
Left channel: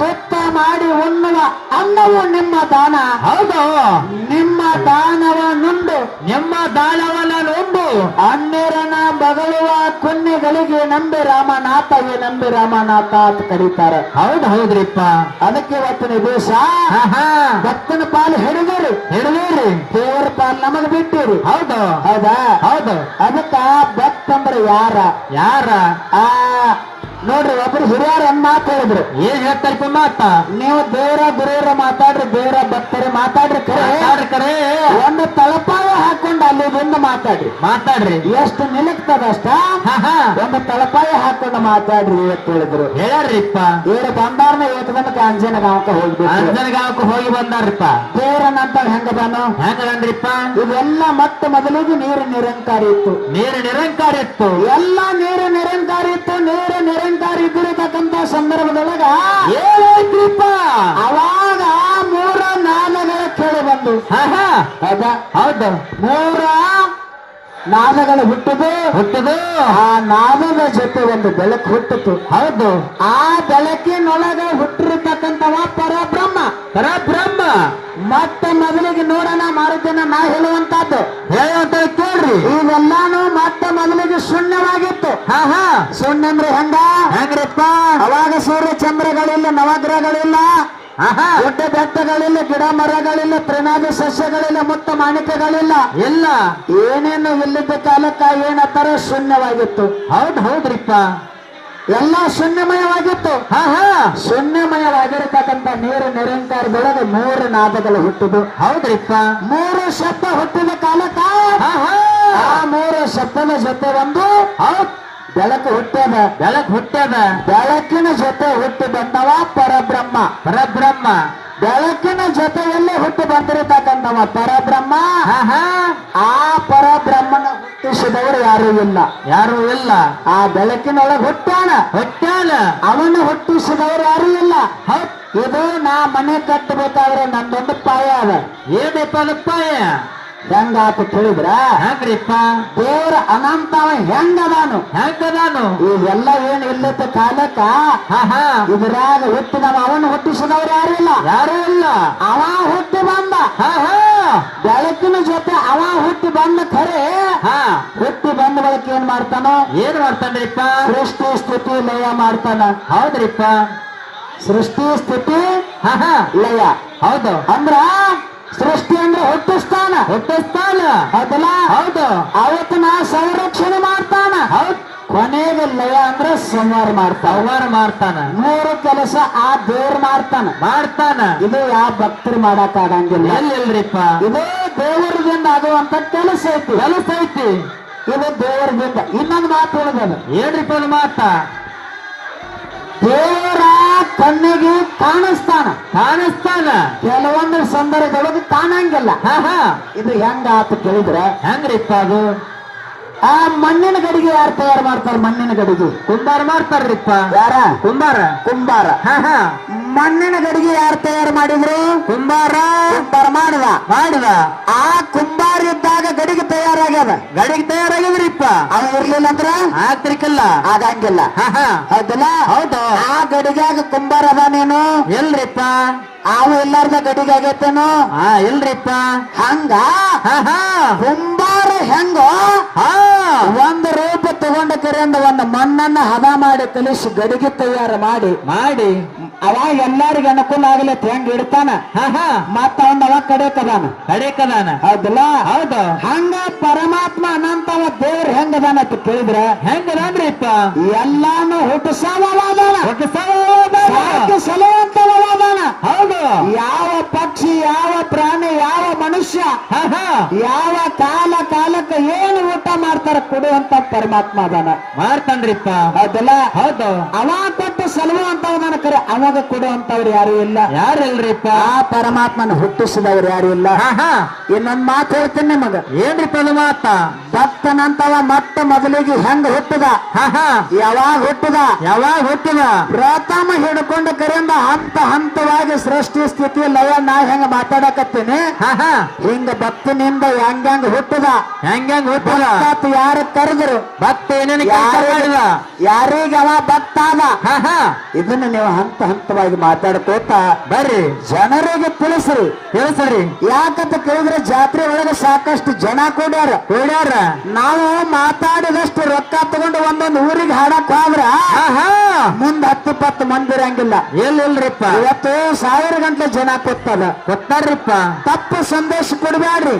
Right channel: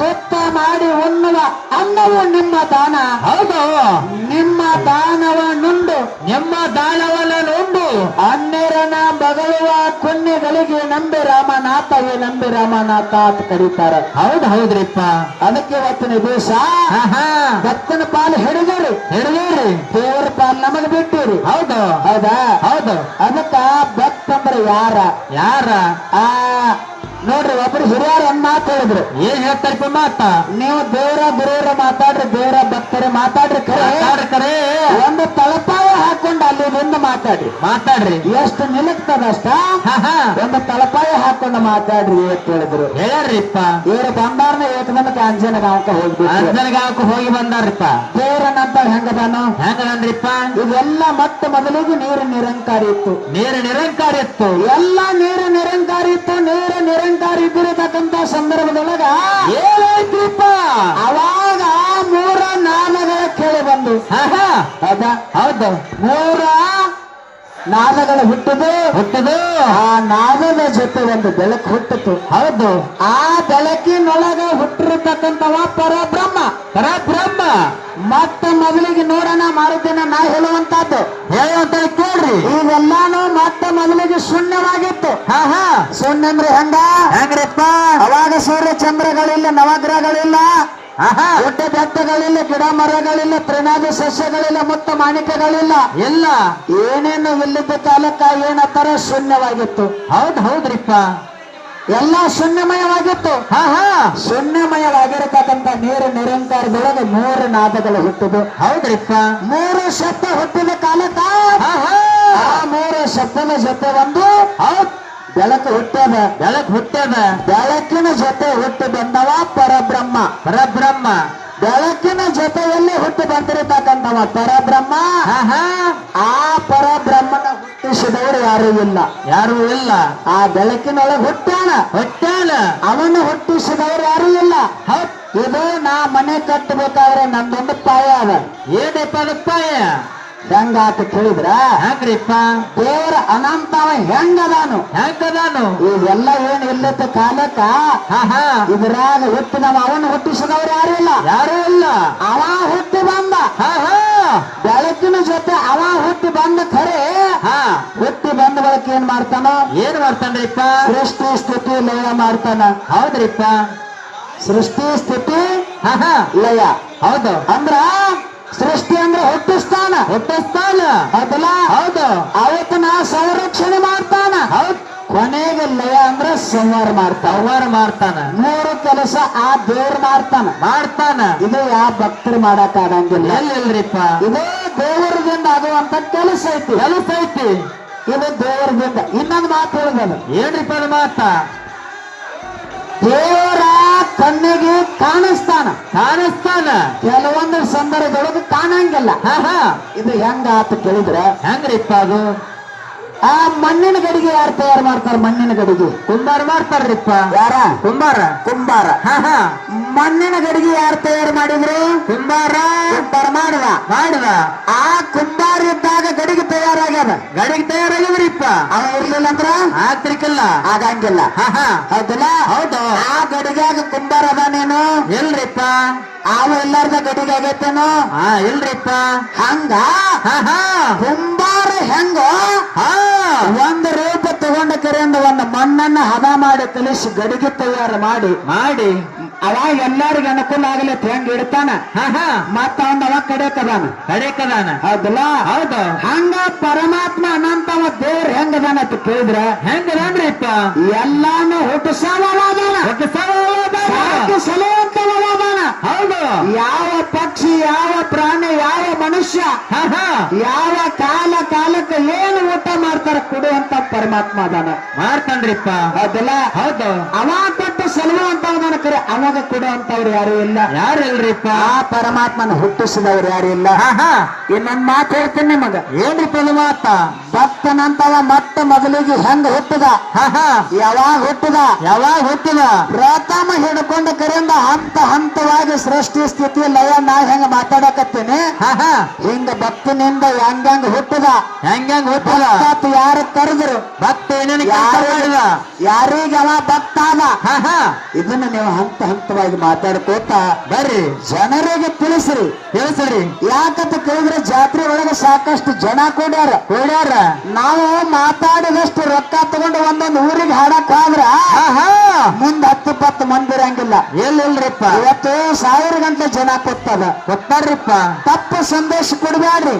ತುತ್ತ ಮಾಡಿ ಉಣ್ಣುವ ಅನ್ನವು ನಿಮ್ಮ ದಾನ ಹೌದು ನಿಮ್ಮ ದಾನವ ನುಂಡು ನಿಮ್ಮ ದಾನವನ್ನ ನೋಡು ಅನ್ನರನ ಬಗಳುವ ಪುಣ್ಯಗಳಿಗೆ ನಂಬಿ ರಾಮನಾಥವೇ ನಂಬಿ ರಾಮನಾಥ ಅಂತ ಕರೀತಾರ. ಹೌದು ಹೌದ್ರಿಪ್ಪ ಅದಕ್ಕೆ ಇವತ್ತಿನ ದಿವಸ ಆಹಾ ಭಕ್ತನ ಪಾಲು ಹಿಡಿದರು ಹಿಡಿದೇರಿ ದೇವರ ಪಾಲು ನಮಗ್ ಬಿಟ್ಟಿರು. ಹೌದು ಹೌದಾ ಹೌದು ಅದಕ್ಕ ಭಕ್ತಂದ್ರೆ ಯಾರ ಯಾರ ಆ ನೋಡ್ರಿ ಒಬ್ರು ಹಿರಿಯರು ಒಂದ್ ಮಾತು ಹೇಳಿದ್ರು. ಏನ್ ಹೇಳ್ತಾರಪ್ಪ ಮಾತ ನೀವು ದೇವರ ಗುರುವರ ಮಾತಾಡ್ರಿ ದೇವರ ಭಕ್ತರೇ ಮಾತಾಡ್ರಿ ಕರೆ ಒಂದು ತಳಪಾಯ ಹಾಕೊಂಡು ಅಲ್ಲಿ ಬಂದು ಮಾತಾಡ್ರಿ ಮಾತಾಡ್ರಿ ಎಷ್ಟು ನಿಲುಕ್ತದಷ್ಟ ಆಹಾ ಒಂದು ತಳಪಾಯ ಹಾಕೊಂಡು ಮಾತಾಡ್ರಿ ಅಂತ ಹೇಳಿದ್ರು. ಹೇಳ್ರಿಪ್ಪ ಇವರು ಬಂದಾರ್ನ ಏಕದಮಕ್ಕೆ ಅಂಜನಗಾಂವಕ ಹೋಗ್ಬೇಕು. ಅಂಜನಗಾಂವಕ್ಕೆ ಹೋಗಿ ಬಂದಾರಪ್ಪ ದೇವರನಂತ ಹೆಂಗದಾನು ಹೆಂಗಂದ್ರಿಪ್ಪ ಇದೆಲ್ಲ ಮತ್ತೆ ಮೊದಲಿಗೆ ನೀರು ನಿರಂಕಾರಿ ಇತ್ತು. ನೀರು ನಿರಂಕಾರ ಇತ್ತು ಎಲ್ಲ ನೀರು ನಿರಂಕಾರಿ ಇತ್ತು. ನೀರು ನಿರಂಕಾರಿ ಇದ್ದಿರತಕ್ಕಂತ ಸಂದರ್ಭದೊಳಗ ಏನಾಯ್ತ್ರಿಪ್ಪ ಅವಾಗ ಮೂರ ನಾಮಗಳ ಕೇಳಿ ಬಂದು ಆಹಾ ಹೌದಾ ಹೌದು ಮೂರ ನಾದಗಳು ಹುಟ್ಟದು ಹುಟ್ಟದು ಆ ನಾದದ ಜೊತೆ ಒಂದು ಬೆಳಕು ಹುಟ್ಟಿತು. ಹೌದು ಆ ಬೆಳಕಿನೊಳಗ ಹುಟ್ಟಿರತಕ್ಕಂಥವ ಪರಬ್ರಹ್ಮ. ಪರಬ್ರಹ್ಮ ಮತ್ತೆ ಮೊದಲಿಗೆ ನೋಡೋಣ ಮಾರುತಿನ ನಾ ಹೇಳುವಂತದ್ದು ಹೇಳಂತ ಕೇಳ್ರಿ ಇವೆಲ್ಲಾನು ಮತ್ತೆ ಮೊದಲಿಗೆ ಶೂನ್ಯವಾಗಿತ್ತು. ಆಹಾ ಶೂನ್ಯ ಅಂದ್ರೆ ಹೆಂಗ್ರಿಪ್ಪ ಅವಾಗ ಸೂರ್ಯ ಚಂದ್ರಗಳಿಲ್ಲ, ನವಗ್ರಹಗಳಿಲ್ಲ, ಆಹಾ ಗುಡ್ಡ ಬೆಟ್ಟಗಳಿಲ್ಲ, ಗಿಡ ಮರಗಳಿಲ್ಲ, ತೃಣಾದಿ ಸಸ್ಯಗಳಿಲ್ಲ, ಮುತ್ತ ಮಾಣಿಕ್ಯಗಳಿಲ್ಲ, ಎಲ್ಲ ಏನೇನು ಇಲ್ಲದ ಕಾಲಕ್ಕ ಏನತ್ತರ ಶೂನ್ಯವಾಗಿತ್ತು. ಹೌದು ಹೌದ್ರಿಪ್ಪ ಎಲ್ಲ ಶೂನ್ಯಮಯವಾಗಿತ್ತು. ಆಹಾ ಶೂನ್ಯಮಯವಾಗಿರತಕ್ಕಂಥ ನೀರು ನಿರಂಕಾರದೊಳಗೆ ಮೂರು ನಾದಗಳು ಹುಟ್ಟಿದು. ಹೌದ್ರಿಪ್ಪ ಮೂರು ಶಬ್ದ ಹುಟ್ಟಿದ ಕಾಲಕ್ಕ ಆಹಾ ಆ ಮೂರು ಶಬ್ದದ ಜೊತೆ ಒಂದು ಹೌದ್ ಬೆಳಕು ಹುಟ್ಟದ. ಬೆಳಕ್ ಹುಟ್ಟದ ಬೆಳಕಿನ ಜೊತೆ ಹುಟ್ಟಿ ಬಂದವ ಪರಬ್ರಹ್ಮ. ಪರಬ್ರಹ್ಮ ಬೆಳಕಿನ ಜೊತೆಯಲ್ಲಿ ಹುಟ್ಟಿ ಬಂದಿರತಕ್ಕಂಥವ ಪರಬ್ರಹ್ಮ. ಆಹಾ ಆ ಪರಬ್ರಹ್ಮನ ಹುಟ್ಟಿಸಿದವರು ಯಾರೂ ಇಲ್ಲ. ಯಾರು ಇಲ್ಲ ಆ ಬೆಳಕಿನೊಳಗೆ ಹುಟ್ಟಾನ. ಹೊಟ್ಟಾನ ಅವನು ಹುಟ್ಟಿಸಿದವರು ಯಾರೂ ಇಲ್ಲ. ಹೌದ್ ಇದು ನಾ ಮನೆ ಕಟ್ಟಬೇಕಾದ್ರೆ ನನ್ನೊಂದು ಪಾಯ ಅದ. ಏನಪ್ಪ ಅದಪ್ಪಾಯ ಹೆಂಗಾತ ತಿಳಿದ್ರ ಹೆಂಗ್ರಿಪ್ಪ ದೇವರ ಅನಂತವ ಹೆಂಗದಾನು. ಹೆಂಗದಾನು ಇವೆಲ್ಲ ಏನ್ ಇಲ್ಲದ ಕಾಲಕ್ಕ ಆಹಾ ಇದ್ರಾಗ ಹುಟ್ಟಿದವ ಅವನು ಹುಟ್ಟಿಸಿದವರು ಯಾರು ಇಲ್ಲ. ಯಾರು ಇಲ್ಲ ಅವ ಹುಟ್ಟಿ ಬಂದ. ಆಹಾ ಬೆಳಕಿನ ಜೊತೆ ಅವ ಹುಟ್ಟಿ ಬಂದ ಖರೆ. ಹಾ ಹುಟ್ಟಿ ಬಂದ ಬಳಿಕ ಏನ್ ಮಾಡ್ತಾನ? ಏನ್ ಮಾಡ್ತಾನ್ರಿಪ್ಪ ಸೃಷ್ಟಿ ಸ್ಥಿತಿ ಲಯ ಮಾಡ್ತಾನ. ಹೌದ್ರಿಪ್ಪ ಸೃಷ್ಟಿ ಸ್ಥಿತಿ ಆಹಾ ಲಯ. ಹೌದು ಅಂದ್ರ ಸೃಷ್ಟಿ ಅಂದ್ರೆ ಹುಟ್ಟಿಸ್ತಾನ. ಹುಟ್ಟಿಸ್ತಾನ ಅದಲ್ಲ ಹೌದು ಅವತ್ತು ನಾ ಸಂರಕ್ಷಣೆ ಮಾಡ್ತಾನ. ಹೌದ್ ಕೊನೆಗೆ ಲಯ ಅಂದ್ರೆ ಸಂಹಾರ ಮಾಡ್ತಾನ. ಸಂಹಾರ ಮಾಡ್ತಾನ ಮೂರು ಕೆಲಸ ಆ ದೇವ್ರು ಮಾಡ್ತಾನ. ಮಾಡ್ತಾನ ಇದು ಯಾವ ಭಕ್ತರು ಮಾಡಕ್ ಆಗಂಗಿಲ್ಲ. ಎಲ್ಲಿಲ್ರಿಪ್ಪ ಇದು ದೇವರಿಗಿಂದ ಆಗುವಂತ ಕೆಲಸ ಐತಿ. ಕೆಲಸ ಐತಿ ಇದು ದೇವರಿಗಿಂದ. ಇನ್ನೊಂದು ಮಾತು ಹೇಳಿದ ಏನ್ರಿಪ್ಪ ಅದು ಮಾತ ದೇವರ ಕಣ್ಣಿಗೆ ಕಾಣಿಸ್ತಾನ. ಕಾಣಿಸ್ತಾನ ಕೆಲವೊಂದು ಸಂದರ್ಭದೊಳಗೆ ಕಾಣಂಗಿಲ್ಲ. ಆಹಾ ಇದು ಹೆಂಗ ಆತ ಕೇಳಿದ್ರ ಹೆಂಗ್ರಿಪ್ಪ ಅದು ಆ ಮಣ್ಣಿನ ಗಡಿಗೆ ಯಾರು ತಯಾರು ಮಾಡ್ತಾರ? ಮಣ್ಣಿನ ಗಡಿಗೆ ಕುಂಬಾರ ಮಾಡ್ತಾರ್ರಿಪ್ಪ ಯಾರ? ಕುಂಬಾರ ಕುಂಬಾರ. ಆಹಾ ಮಣ್ಣಿನ ಗಡಿಗೆ ಯಾರು ತಯಾರು ಮಾಡಿದ್ರು? ಕುಂಬಾರ ಮಾಡಿದ. ಮಾಡಿದ ಆ ಕುಂಬಾರ ಇದ್ದಾಗ ಗಡಿಗೆ ತಯಾರಾಗ್ಯದ. ಗಡಿಗೆ ತಯಾರಾಗಿದ್ರಿಪ್ಪ ಅವ ಇರ್ಲಿಲ್ಲ ಅಂದ್ರ ಆಗ್ತಿರ್ಕಲ್ಲ ಆಗಂಗಿಲ್ಲ. ಆಹಾ ಹೌದಲ್ಲ? ಹೌದು ಆ ಗಡಿಗಾಗ ಕುಂಬಾರ ಅದಾನೇನು? ಎಲ್ರಿಪ್ಪ ಅವ ಎಲ್ಲಾರ್ದ ಗಡಿಗೆ ಆಗೈತೇನು? ಹಾ ಎಲ್ರಿಪ್ಪ ಹಂಗ ಆಹಾ ಕುಂಬಾರ ಹೆಂಗ ಹಾ ಒಂದು ರೂಪ ತಗೊಂಡ ಕರೆಯಿಂದ ಒಂದು ಮಣ್ಣನ್ನ ಹದ ಮಾಡಿ ಕಲಿಸಿ ಗಡಿಗೆ ತಯಾರು ಮಾಡಿ ಮಾಡಿ ಅವಾಗ ಎಲ್ಲರಿಗೂ ಅನುಕೂಲ ಆಗಲತ್ ಹೆಂಗ್ ಇಡ್ತಾನ. ಆಹಾ ಮತ್ತ ಅವನ್ ಅವಾಗ ಕಡೆಕದಾನ. ಕಡೆಕದಾನ ಹೌದಲ್ಲ? ಹೌದು ಹಂಗ ಪರಮಾತ್ಮ ಅನಂತವ ದೇವ್ರ ಹೆಂಗದಾನ ಅಂತ ಕೇಳಿದ್ರ ಹೆಂಗದಾನ್ರಿಪ್ಪ ಎಲ್ಲಾನು ಹುಟ್ಟಿಸವಾದಾನ. ಸಲುವಂತವಾದಾನ. ಹೌದು ಯಾವ ಪಕ್ಷಿ, ಯಾವ ಪ್ರಾಣಿ, ಯಾವ ಮನುಷ್ಯ, ಆಹಾ ಯಾವ ಕಾಲಕ್ಕೆ ಏನು ಊಟ ಮಾಡ್ತಾರ ಕೊಡುವಂತ ಪರಮಾತ್ಮ ಅದಾನ. ಮಾಡ್ತಾನ್ರಿಪ್ಪ ಹೌದಲ್ಲ? ಹೌದು ಅವ ಕೊಟ್ಟು ಸಲುವಂತವ್ ನನ್ನ ಕರೆ ಅವಾಗ ಕೊಡುವಂತವ್ರು ಯಾರು ಇಲ್ಲ. ಯಾರಲ್ರಿಪ್ಪ? ಆ ಪರಮಾತ್ಮನ ಹುಟ್ಟಿಸಿದವ್ರು ಯಾರು ಇಲ್ಲ. ಇನ್ನೊಂದ್ ಮಾತು ಹೇಳ್ತೀನಿ ನಿಮಗ. ಏನ್ರಿಪ್ಪ ಇದು ಮಾತ? ಭಕ್ತನಂತವ ಮೊಟ್ಟ ಮೊದಲಿಗೆ ಹೆಂಗ ಹುಟ್ಟದ, ಯಾವಾಗ ಹುಟ್ಟದ, ಯಾವಾಗ ಹುಟ್ಟಿದ? ಪ್ರಥಮ ಹಿಡ್ಕೊಂಡು ಕರೆಯಿಂದ ಹಂತ ಹಂತವಾಗಿ ಸೃಷ್ಟಿ ಸ್ಥಿತಿ ಲಯ ನಾ ಹೆಂಗ ಮಾತಾಡಕತ್ತೀನಿ ಹಿಂಗ ಭಕ್ತನಿಂದ ಹೆಂಗ ಹುಟ್ಟದ, ಹೆಂಗ ಹುಟ್ಟದ? ಯಾರು ಕರೆದ್ರು ಭಕ್ತ ಏನೇನು ಮಾಡಿದ? ಯಾರಿಗೆ ಅವ ಭಕ್ತ ಅದ. ಇದನ್ನ ನೀವು ಹಂತ ಹಂತವಾಗಿ ಮಾತಾಡ್ಕೋತ ಬರ್ರಿ, ಜನರಿಗೆ ತಿಳಿಸ್ರಿ. ಯಾಕಂತ ಕೇಳಿದ್ರೆ ಜಾತ್ರೆ ಒಳಗೆ ಸಾಕಷ್ಟು ಜನ ಕೂಡ್ಯಾರ. ನಾವು ಮಾತಾಡಿದಷ್ಟು ರೊಕ್ಕ ತಗೊಂಡು ಒಂದೊಂದು ಊರಿಗೆ ಹಾಡಕ್ ಹೋದ್ರ ಮುಂದ್ 10-20 ಮಂದಿ ಇರಂಗಿಲ್ಲ. ಎಲ್ಲಿಲ್ರಿಪ್ಪ? ಇವತ್ತು 1000 ಗಂಟೆ ಜನ ಗೊತ್ತಾರ್ರಿಪ್ಪ. ತಪ್ಪು ಸಂದೇಶ ಕೊಡ್ಬ್ಯಾಡ್ರಿ.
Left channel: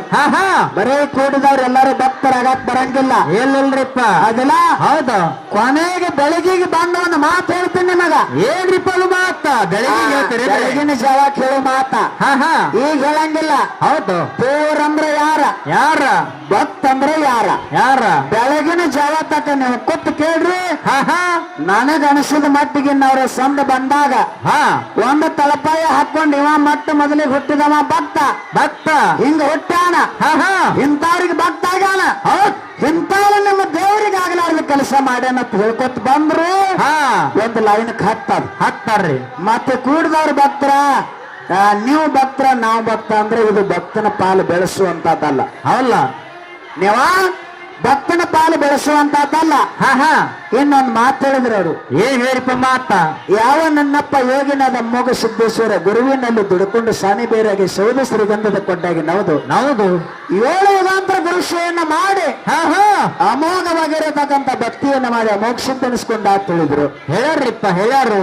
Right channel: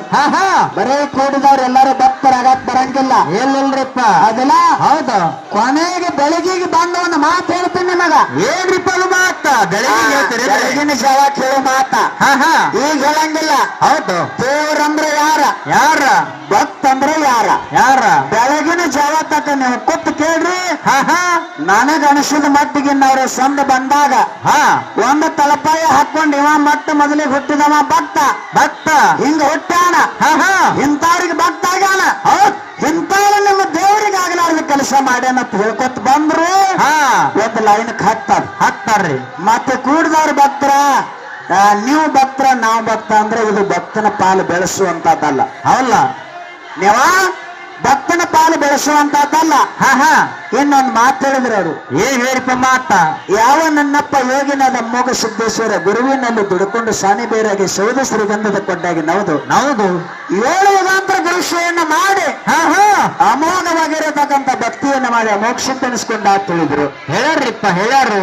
ಬರೇ ಕೂಡಿದವ್ರು ಎಲ್ಲಾರು ಭಕ್ತರಾಗಕ್ ಬರಂಗಿಲ್ಲ. ಎಲ್ಲಿಲ್ರಿಪ್ಪ? ಅದಲ್ಲ ಹೌದು. ಕೊನೆಗೆ ಬೆಳಗಿಗೆ ಬಂದ ಒಂದು ಮಾತು ಹೇಳ್ತೀನಿ ನಿಮಗ. ಏನ್ರಿಪ್ಪ ಅದು ಮಾತ? ಬೆಳಗಿನ ಜಾವ ಕೇಳೋ ಮಾತ ಈಗ ಹೇಳಂಗಿಲ್ಲ. ಹೌದು. ದೇವ್ರಂದ್ರೆ ಯಾರ, ಭಕ್ತ ಅಂದ್ರೆ ಯಾರ. ಬೆಳಗಿನ ಜಾವ ತಕ್ಕ ನೀವು ಕೂತ್ ಕೇಳ್ರಿ. ನನಗ ಅನಿಸಿದ ಮಟ್ಟಿಗೆ ಅವ್ರ ಸಂದ ಬಂದಾಗ ಒಂದು ತಳಪಾಯ ಹಾಕೊಂಡು ಇವ ಮೊಟ್ಟ ಮೊದಲಿಗೆ ಹುಟ್ಟಿದವ ಭಕ್ತ ಹಿಂಗ ಹುಟ್ಟಾನ. ಇಂಥವ್ರಿಗೆ ಭಕ್ತ ಆಗ್ಯಾನ. ಇಂಥವ್ರು ನಿಮ್ಮ ದೇವರಿಗೆ ಆಗ್ಲಾರ್ದ ಕೆಲಸ ಮಾಡ್ಯಾನ ಅಂತ ಹೇಳ್ಕೊತ ಬಂದ್ರು ಒಂದು ಲೈನ್ ಹಾಕ್ತಾರ್ರಿ. ಮತ್ತೆ ಕೂಡಿದವ್ರ ಭಕ್ತರ, ನೀವು ಭಕ್ತರ ನಾವು ಭಕ್ತ ಅಂದ್ರೆ ಇದು ಭಕ್ತನ ಪಾಲು ಬೆಳೆಸುವಂತದ್ದಲ್ಲ. ಅಲ್ಲ, ನೀವ ಭಕ್ತನ ಪಾಲು ಬೆಳೆಸುವಂತದ್ದಲ್ಲ. ಇನ್ನೊಂದು ಮಾತು ಹೇಳಿದ್ರು ಅವರು. ಏನ್ ಹೇಳಿಪ್ಪ ಮಾತ? ಯಾವ ನನ್ನಪ್ಪ ಯೋಗಿನಾದ ಮೋಗ ಸಿದ್ದೇಶ್ವರ ಗುರುವಿನಲ್ಲಿ ದುಡ್ಕೊಂಡು ಸಾನಿ ಬೇರಾಗಿ ಸೌದ ಶ್ರೀಗಂಧದ ಕೊಂಡಾಗಿ ನೌದು 7 ಯುಗಾಂತರ ಗುರುಶೆಯನ್ನ ಮಾಡಿ ಅಮೋಘವಾಗಿರತಕ್ಕಂಥ ಭಕ್ತಿಯನ್ನ ಮಾಡಿ ಅಮೋಕ್ಷಿದ್ದನಿಸ್ಕೊಂಡ ಅಂತ ಹೇಳಿದ್ರು. ಹೇಳ್ಯಾರು.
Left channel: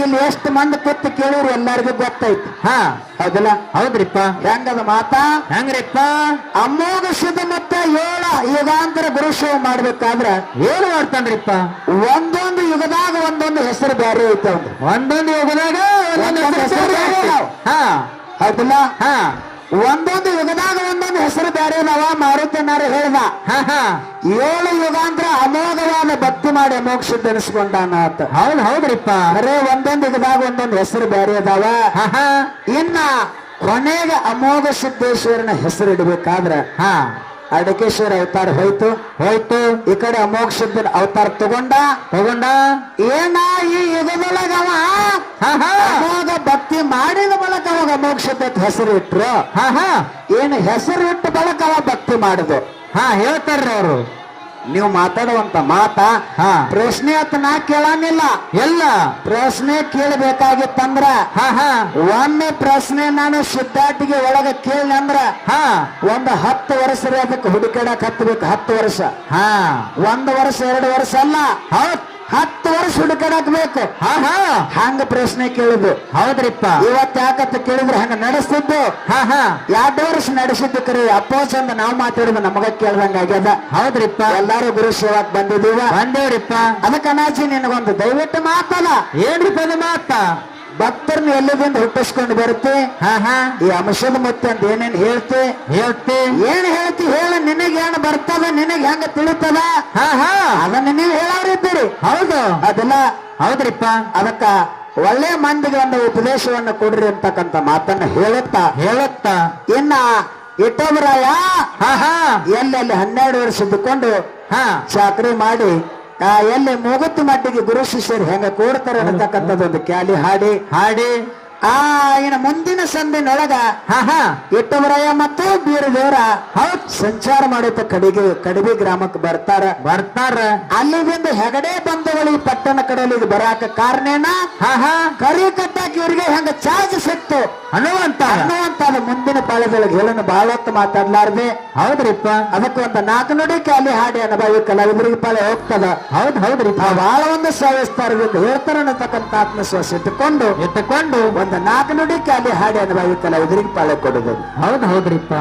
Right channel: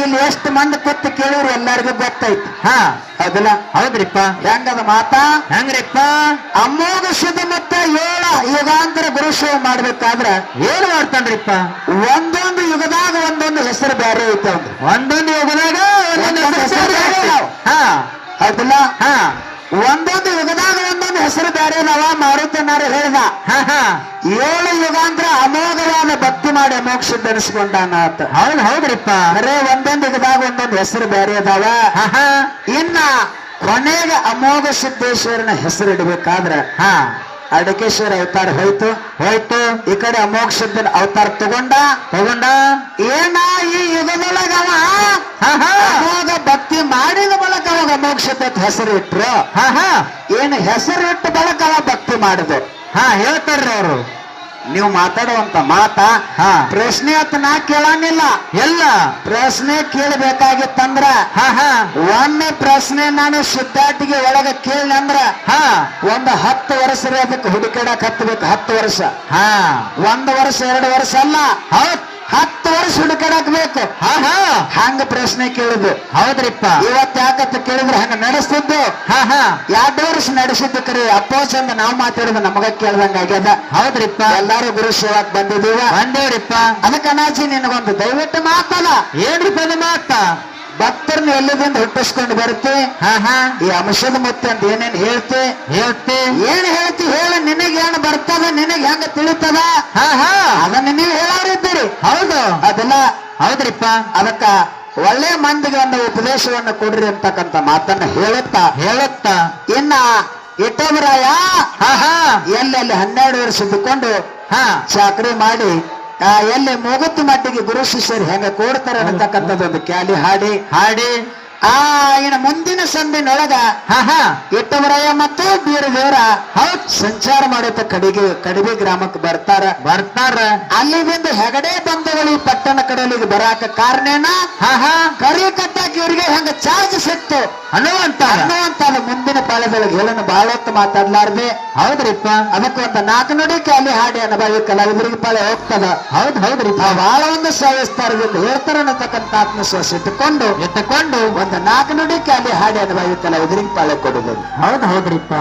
ಇಲ್ಲಿ ಎಷ್ಟು ಮಂದಿ ಕೂತು ಕೇಳಿದ್ರು ಎಲ್ಲರಿಗೂ ಗೊತ್ತೈತಿ. ಅದಲ್ಲ ಹೌದ್ರಿಪ್ಪ. ಹೆಂಗದ ಮಾತಾ? ಹೆಂಗ್ರಿಪ್ಪ? ಅಮೋಘ ಶುದ್ಧ ಮತ್ತೆ 7 ಯುಗಾಂತರ ಗುರುಶೇವ ಮಾಡ್ಬೇಕಾದ್ರ ಏನ್ ಮಾಡ್ತಾನ್ರಿಪ್ಪ? ಒಂದೊಂದು ಯುಗದಾಗ ಒಂದೊಂದು ಹೆಸರು ಬೇರೆ ಐತೆ. ಒಂದೊಂದು ಯುಗದಾಗ ಒಂದೊಂದು ಹೆಸರು. ಅದಲ್ಲ ಒಂದೊಂದು ಯುಗದಾಗ ಒಂದೊಂದು ಹೆಸರು ಬೇರೆ ನಾವ ಮಾರುತನಾರು ಹೇಳ್ದ. 7 ಯುಗಾಂತರ ಅಮೋಘವಾದ ಭಕ್ತಿ ಮಾಡಿ ಅಮೋಕ್ಷ ಧರಿಸಿಕೊಂಡಾನ. ಹೌದ್ರಿಪ್ಪ. ಬರೇ ಒಂದೊಂದು ಯುಗದಾಗ ಒಂದೊಂದು ಹೆಸರು ಬೇರೆ ಅದಾವ. ಇನ್ನ ಕೊನೆಗೆ ಅಮೋಘ ಸಿದ್ದೇಶ್ವರನ ಹೆಸರು ಇಡಬೇಕಾದ್ರ ಅಡಕೇಶ್ವರ ಅವತಾರ ಹೋಯ್ತು. ಈ ಕಡೆ ಅಮೋಘ ಸಿದ್ದನ ಅವತಾರ ತಗೊಂಡ ಏನ ಈ ಯುಗದೊಳಗವ ಅಮೋಘ ಭಕ್ತಿ ಮಾಡಿದ ಬಳಕ ಅವಾಗ ಅಮೋಘ ಸಿದ್ಧಕ್ಕೆ ಹೆಸರು ಇಟ್ರು. ಏನು ಹೆಸರು ಇಟ್ಟು ಬಳಕ ಅವ ಭಕ್ತಿ ಮಾಡಿದೆ. ಹೇಳ್ತಾರ್ರಿ ಅವರು. ನೀವು ಮಾತಾಡುವಂತ ಮಾತ ಪ್ರಶ್ನೆ ಅಂತ ನಾ ಕೇಳಂಗಿಲ್ಲ. ಎಲ್ಲ ಪ್ರಶ್ನೆ ಕೇಳಬೇಕಾಗಿತ್ತಂದ್ರ ಒಮ್ಮೆ ಪ್ರಶ್ನೆ ನಾನು ಸಿದ್ಧಾಟಿಗೆ ಒಳಗ ಕೇಳಿನಂದ್ರ ಒಂದು 10 ವರ್ಷ ಅದಕ್ಕೆ ಹುಡುಕಾಡಕ್ ಹತ್ತಬೇಕು. 10 ವರ್ಷ 1 ವರ್ಷ 2 ವರ್ಷ ಅಲ್ಲ, 10 ವರ್ಷ ಹುಡುಕಾಡಕ್ ಬೇಕು. ಹಂಗ ಪ್ರಶ್ನೆ ಕೇಳುದು. ಹೌದ್ರಿಪ್ಪ. ಇವತ್ತು ಯಾಕಂತ ಕೇಳಿದ್ರೆ ಹಂಗ ನಡೆಸ್ತಿದ್ದು 2 ವರ್ಷ ನಡೆಸಿದ್ದು ಕರೆ ಅಪ್ಪೋ ಚಂದ ನಾವು ಮಾತಾಡಿದ ನಮಗ ಕೇಳ್ದಂಗ ಆಗ್ಯದ. ಹೌದ್ರಿಪ್ಪ. ಎಲ್ಲಾರು ಗುರು ಸೇವಾಕ್ ಬಂದೇವ್ರಿಪ್ಪ. ಅದಕ್ಕೆ ಅನಾಚಿ ನಿನಗೊಂದು ದಯವಿಟ್ಟು ಮಾತಲ್ಲ. ಏನ್ರಿಪ್ಪ ಅದು ಮಾತ? ಭಕ್ತರನ್ನ ಎಲ್ಲದಿಂದ ಹುಟ್ಟಿಸ್ಕೊಂಡು ಬರುತ್ತೆ. ಈ ಅಂಶದ ಮತ್ತೆ ಅಂತ ಏನೇನ್ ಹೇಳ್ತಿ ಏನ್ ಹೇಳ್ತಿ ಹೇಳಿ. ನಿನಗೇನು ಬರ್ತದ, ನಿನಗೆ ಹೆಂಗ ತಿಳಿತದ ಅದನ್ನ ನೀವು ಹೇಳಾರಿದ್ದೀರಿ. ಹೌದು. ಅದೆಲ್ಲ ಹೌದ್ರಿಪ್ಪ. ಅದಕ್ಕ ಒಳ್ಳೆ ಮಂದಿಗೆ ಒಂದು ಉಪದೇಶವನ್ನ ಕೊಡ್ರಿ ಅಂತಕ್ಕಂಥ ಮಾತನ್ನ ಹೇಳುತ್ತಾ ಇನ್ನ ಇಟ್ಟವರಾಯ ಎಲ್ಲೆಲ್ಲಿ 12 ವರ್ಷ ಇದ್ದುಕೊಂಡು ಚಾಕ್ರಿ ಮಾಡಿ ಎಲ್ಲಿ ಮೂಗತ್ತು ಮಟ್ಟಿಗೆ ಗುರು ಶಿಷ್ಯರು ಹೆಂಗ ಕೂಡ್ತಾರೆ ಅನ್ನತಕ್ಕಂಥದ್ದೊಂದು ಕ್ಯಾಲಿ ಹಾಡಿ ಇನ್ನು ಮುಂದಿನ ಸಂದಿನೊಳಗ ಇಟ್ಟವರಾಯ ಮತ್ತು ಬೀರದೇವರ ಸಂಚಾರ ಮಾಡುತ್ತ ಕಡಿಬೆ ಗ್ರಾಮಕ್ಕೆ ಬರ್ತಾರ. ಅಲ್ಲಿ ಬಂದು ಹೆಗಡೆ ಬಂಧುಗಳು ಈ ಪಟ್ಟಣ ಕಡೆಯಲ್ಲಿ ಬರಾಕ ಕಾರಣೇನ ಕರಿ ಕಟ್ಟಾಕಿ ಇವರಿಗೆ ಹೆಂಗ ಚಾರ್ಜ್ ಸಿಕ್ತು ಅನ್ನುವಂತ ಮುಂದಿನ ಕಾಲದೊಳಗೆ ಹೇಳನ್ನು ಬಹಳ ಹೊತ್ತು ಮಾತಾಡ್ಲಾರ್ದೆ. ಹೌದ್ರಿಪ್ಪ. ಅದಕ್ಕೆ ಒಂದು 4 ನುಡಿ ಕ್ಯಾಲಿ ಹಾಡಿ ಅನುಭವಿ ಕಲಾವಿದರಿಗೆ ಪಾಳೆ ಹೋಗ್ತದ. ಹೌದ್ರಿಪ್ಪ. ಬಹಳ ಒಂದು ಸವಿಸ್ತಾರದಿಂದ ಹೇಳ್ತಾರ ಅನ್ನತಕ್ಕಂಥ ಆತ್ಮವಿಶ್ವಾಸ ಇಟ್ಟುಕೊಂಡು ಒಂದು 4 ನುಡಿ ಕ್ಯಾಲಿ ಹಾಡಿ ಅನುಭವಿ ಕಲಾವಿದರಿಗೆ ಪಾಳೆ ಕೊಡುದು. ಹೌದ್ರಿಪ್ಪ.